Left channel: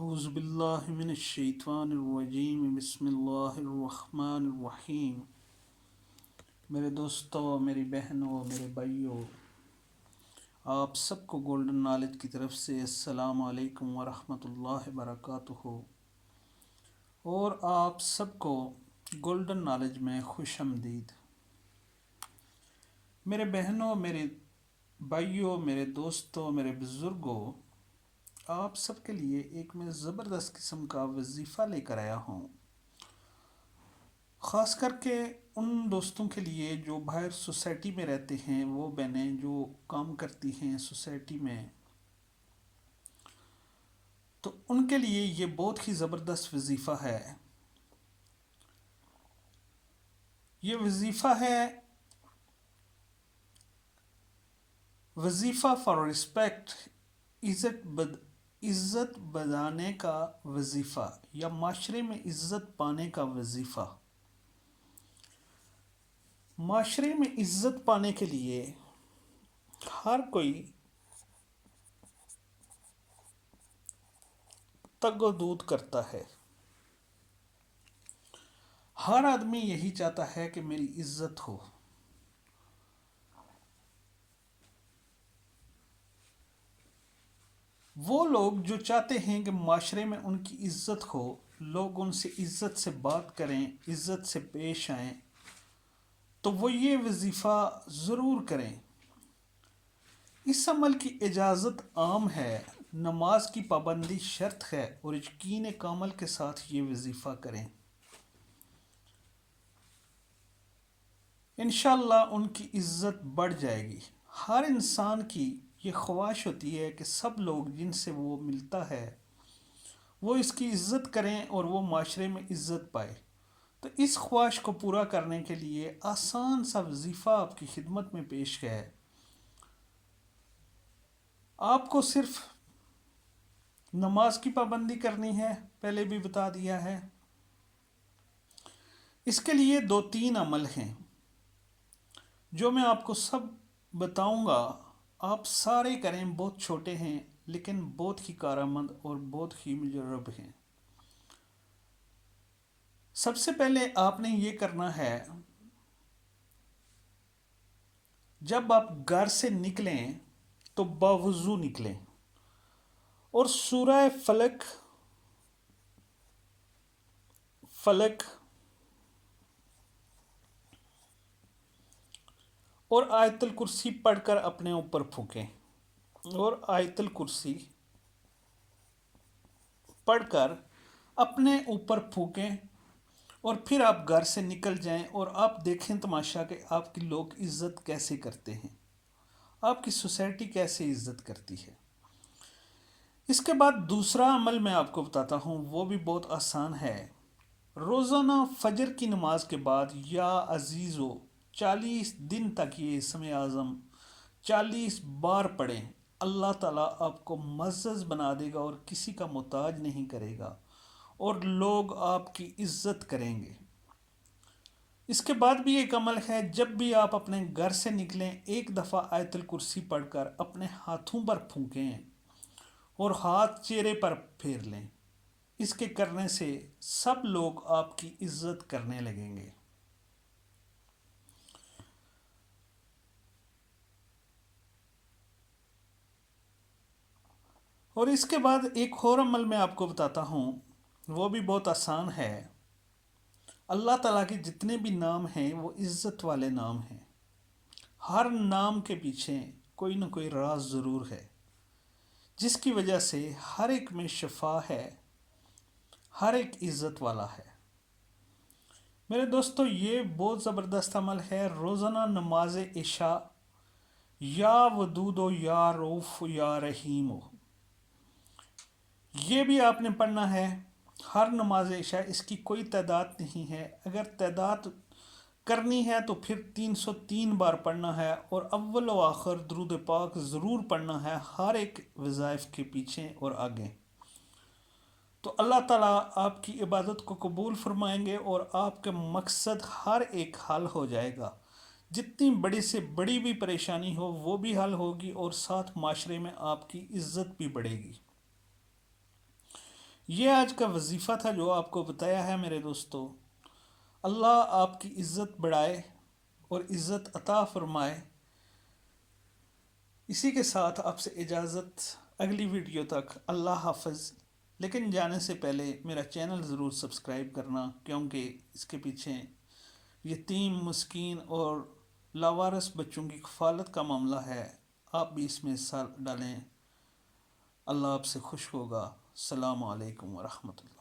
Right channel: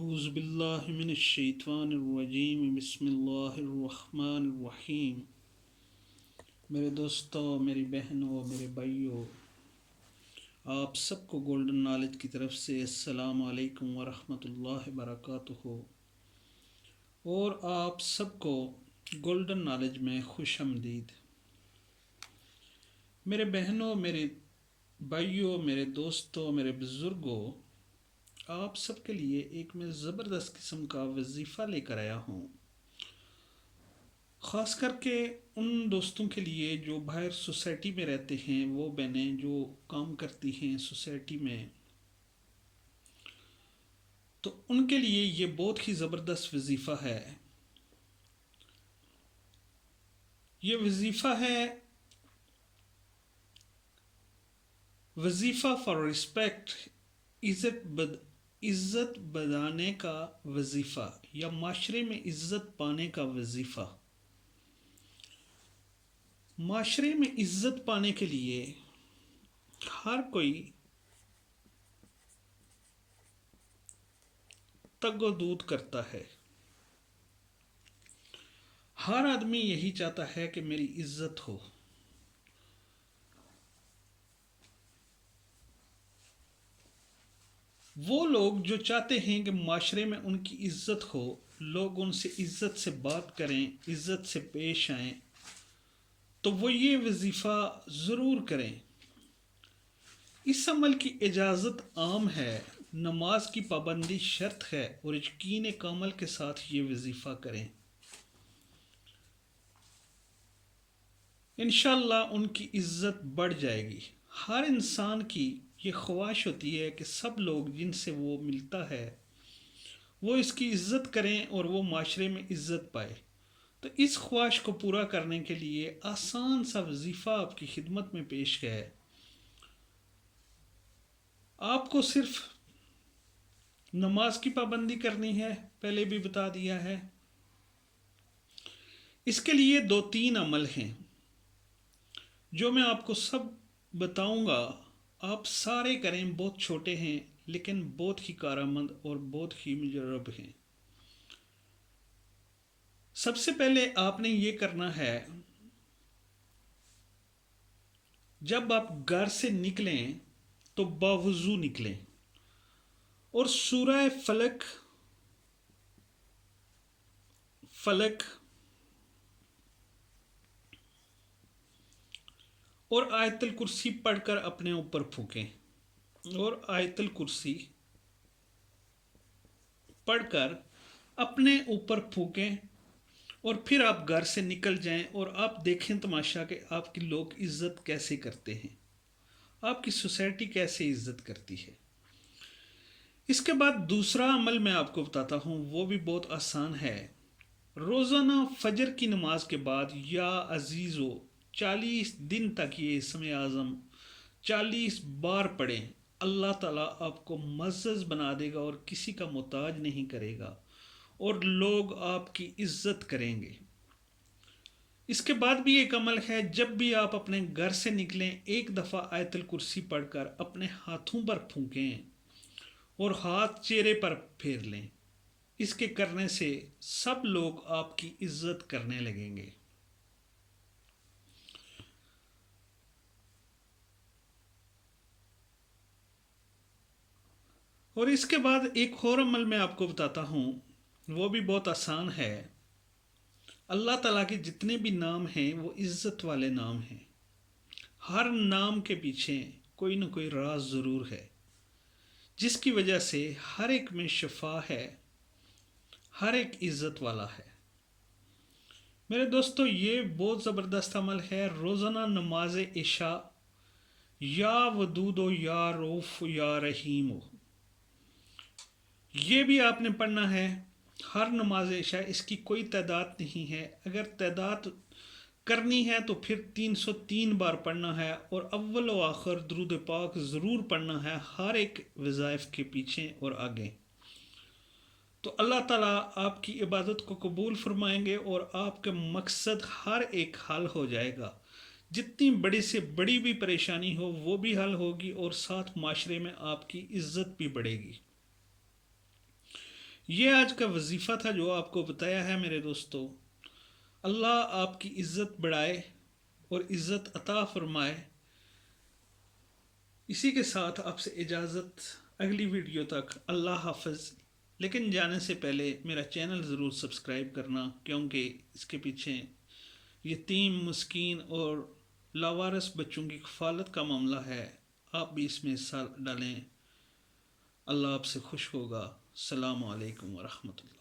اعوذ باللہ من الشیطان الرجیم بسم اللہ الرحمن الرحیم۔ میرے دوستوں، میری بہنوں، میرے بھائیوں، آپ سب کو گولڈن نالج کی طرف سے السلام علیکم ورحمۃ اللہ وبرکاتہ، اور آپ سب کو گولڈن نالج میں خوش آمدید۔ میرے بہنوں، میرے بھائیوں، میرے دوستوں، میرے بزرگوں، آپ سب کے لیے ایک میں زبردست قسم کا وظیفہ لے کر آیا ہوں، خاص کر کے ان دوستوں کے لیے جو باہر سوسائٹی میں رہتے ہیں، وہ بہنیں جو کام کرتی ہیں سوسائٹی میں، تو ان کے لیے یہ بہت ہی زبردست وظیفہ ہے۔ یہ وظیفہ فار رسپیکٹ، عزت بڑھانے کا وظیفہ، یا معاشرے میں عزت پانے کا وظیفہ۔ معاشرے میں عزت پانے کے لیے ہر کوئی تگ و دود کرتا ہے، ہر آدمی یہی چاہتا ہے کہ میری عزت ہو۔ وہ لوگ جو چاہتے ہیں کہ معاشرے میں ان کی عزت ہو، لوگ ان سے عزت سے بات کریں، عزت سے پیش آئیں، تو وہ یہ وظیفہ ضرور کریں۔ اس عمل کی اجازت عام ہے، نماز کی پابندی شرط ہے، اور یقین کامل کے ساتھ یہ وظیفہ کریں۔ انشاءاللہ ان کی عزت بڑھ جائے گی۔ ہر انسان کی یہ خواہش ہوتی ہے کہ سب لوگ جن سے وہ ملتا ہے وہ اس کی عزت کریں اور وہ معاشرے میں عزت پائے۔ تو اس خواہش کو پورا کرنے کے لیے آسان سا وظیفہ آپ کی خدمت میں پیش ہے۔ آپ کو صرف نماز کی پابندی کرنی ہے، پہلے بھی بتا دیا ہے۔ اس کے لیے 2-3 عمل ہیں جو میں آپ کو سب بتاؤں گا، آپ سارے کریں۔ بہت چھوٹے ہیں لیکن بہت ہی کارآمد اور بہت ہی مجرب ہیں۔ سب سے پہلے آپ نے یہ کرنا ہے، جب آپ گھر سے نکلیں تو باوضو نکلیں، اور سورہ فلک اور آیت الکرسی پڑھ کر اپنے اوپر پھونکیں، اور آیت الکرسی پڑھ کر اپنے اوپر پھونکیں، اور پھر آپ گھر سے نکل جائیں اور آپ دیکھیں تماشا کہ آپ کی لوگ عزت کیسے کرتے ہیں، آپ کی سوسائٹی کیسے عزت کرتی ہے۔ اس کے بعد دوسرا عمل میں آپ کو بتاتا ہوں، وہ بھی بہت آسان ہے۔ روزانہ فجر کی نماز کے بعد یا عزیزو 40 دن تک یہ اسم اعظم 40 بار پڑھیں۔ اللہ تعالیٰ آپ کو معزز بنا دے گا اور کسی کا محتاج نہیں کرے گا، اور لوگ آپ کی عزت کریں گے۔ اس کے بعد بھی ایک عمل ہے، جب بھی آپ اپنے گھر سے نکلیں ایک دفعہ آیت الکرسی پڑھ کر اپنے ہاتھوں پر پھونکیں اور ہاتھ چہرے پر پھیر لیں۔ اس کے کرنے سے سب لوگ آپ کی عزت کرنے لگیں گے۔ اور اس کے بعد ایک اور عمل میں آپ کو بتاتا ہوں، وہ بھی بہت آسان ہے۔ اللہ تعالیٰ کے جتنے بھی نام ہیں وہ عزت والے نام ہیں۔ ہر نام کے پیچھے کوئی نہ کوئی راز ضرور ہے، جس کی وجہ سے ہر ایک میں شفا ہے، ہر ایک عزت والا ہے۔ میرے دوستو، یہ بہت زبردست عمل ہے۔ روزانہ نماز عشاء یا ودود و یا روف یا رحیم ہو، یہ بھی آپ نے پڑھنا ہے۔ ہر نماز عشاء، اس کی کوئی تعداد نہیں ہے، اگر تعداد کرنی ہے تو پھر 303 بار پڑھنا ہے، اور اول و آخر درود پاک ضرور پڑھنا ہے ہر ایک وظائف کے پیچھے اور آگے۔ تو اللہ تعالیٰ آپ کی عبادت کو قبول فرمائیں گے اور آپ کا مقصد ہر ایک حل ہو جائے گا۔ جتنی بڑی سے بڑی بھی پریشانی ہو وہ بھی حل ہوگی، اور ساتھ معاشرے میں آپ کی عزت بھی بڑھے گی۔ یہ آج کا وظیفہ تھا جو آپ کو بتایا ہے میرے دوستو۔ اللہ آپ کی عزت بڑھائے اور عزت عطا فرمائے۔ اسی کے ساتھ آپ سے اجازت، اگلی ویڈیو تک اللہ حافظ۔ لیکن جانے سے پہلے میرا چینل ضرور سبسکرائب کرنا، کیونکہ اس کے پیچھے یتیم، مسکین اور لاوارث بچوں کی کفالت کا معاملہ ہے۔ آپ بھی اس میں حصہ ڈالیں، اللہ آپ سے خوش ہوگا۔ السلام علیکم ورحمۃ اللہ۔